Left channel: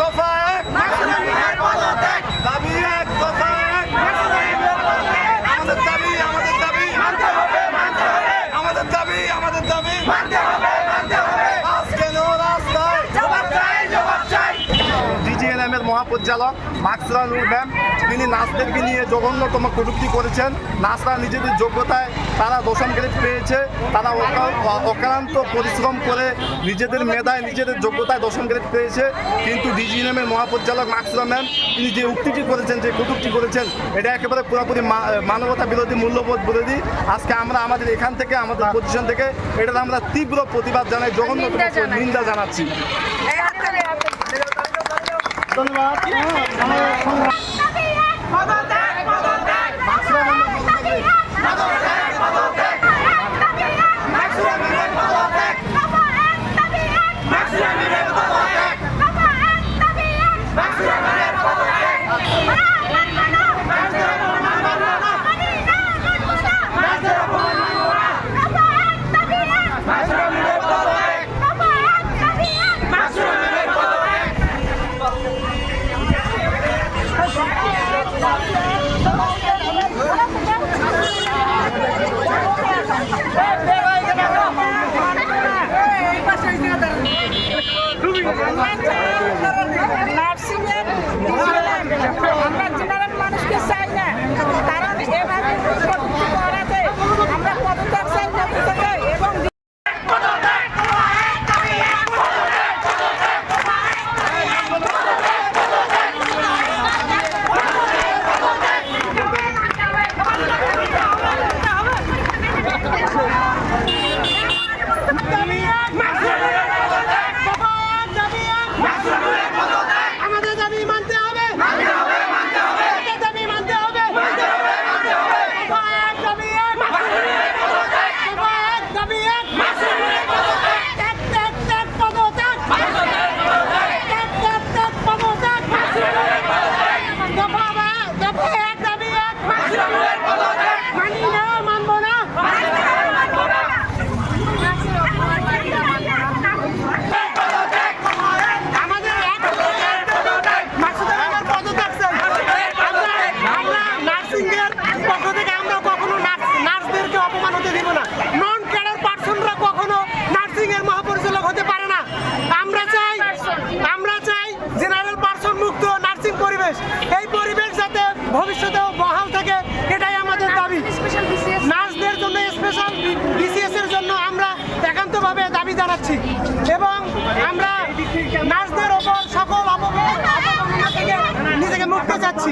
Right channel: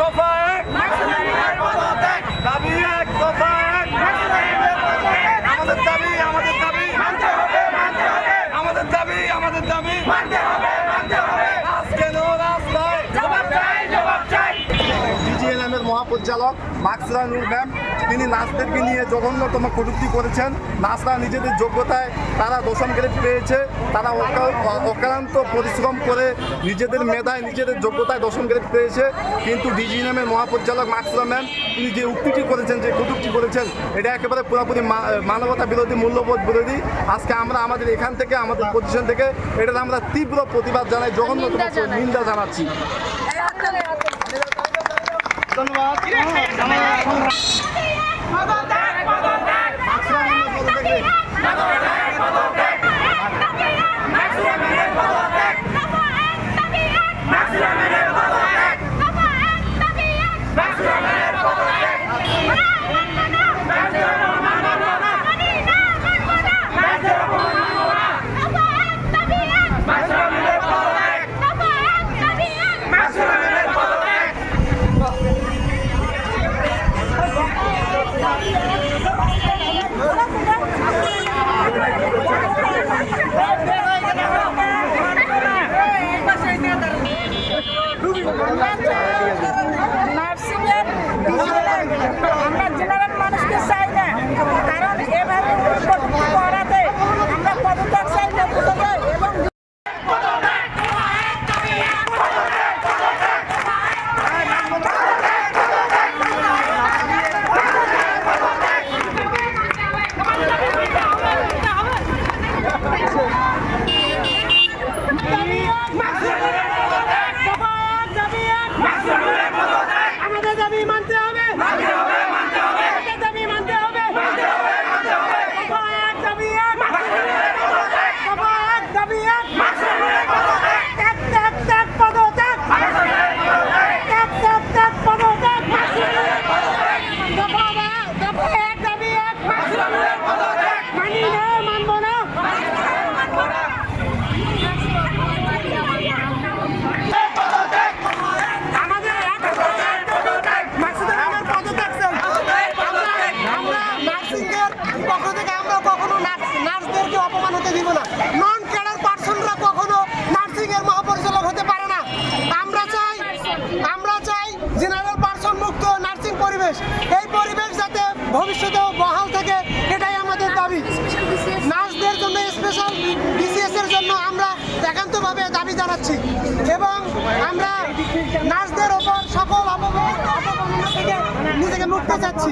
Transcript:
দফা এক, দাবি এক দফা এক, আমাদের দাবি আমাদের দাবি আমাদের দাবি আজ কেন রাস্তায় DGNM এর মহাপরিচালক মাকসুরা নূর ম্যাম তিনি নার্সদেরকে নিয়ে জঘন্যতম কটূক্তি করেছেন। নার্সরা নিজেদের যোগ্যতায় তারা দশম গ্রেড পেয়েছে, তারা অক্লান্ত পরিশ্রম করে নিজেদের মেধায় নিজেদের যোগ্যতায় দশম গ্রেড পেয়েছে, কিন্তু DGNM এর মহাপরিচালক মাকসুরা ম্যাম তিনি যে উক্তিটি করেছেন, যে কটূক্তি করেছেন, এটা একেবারে পুরোপুরি মানবতা বিরোধী, মূল্যবোধ বিরোধী। আজকে আমরা আমাদের এখান থেকে আমাদের পজিশন থেকে এটার আমরা তীব্র প্রতিবাদ জানাই, জঘন্যতম নিন্দা জানাচ্ছি। নার্সিংয়ের আমরা জেনারেল মানুষকে চাই না, কারণ এভাবে কটূক্তি করাতে আমরা পদত্যাগ চাই, পদত্যাগ এবং এই পরিবেশ যাতে ভবিষ্যতেও বহাল থাকে, এটাই আমাদের দাবি। নার্সদের জন্য স্পেশাল BCS এর জন্য আমরা একান্তভাবে দাবি জানাচ্ছি এবং আমরা নার্সদের ওপর সকল অপমাননা থেকে নিজেকে মুক্ত চাচ্ছি।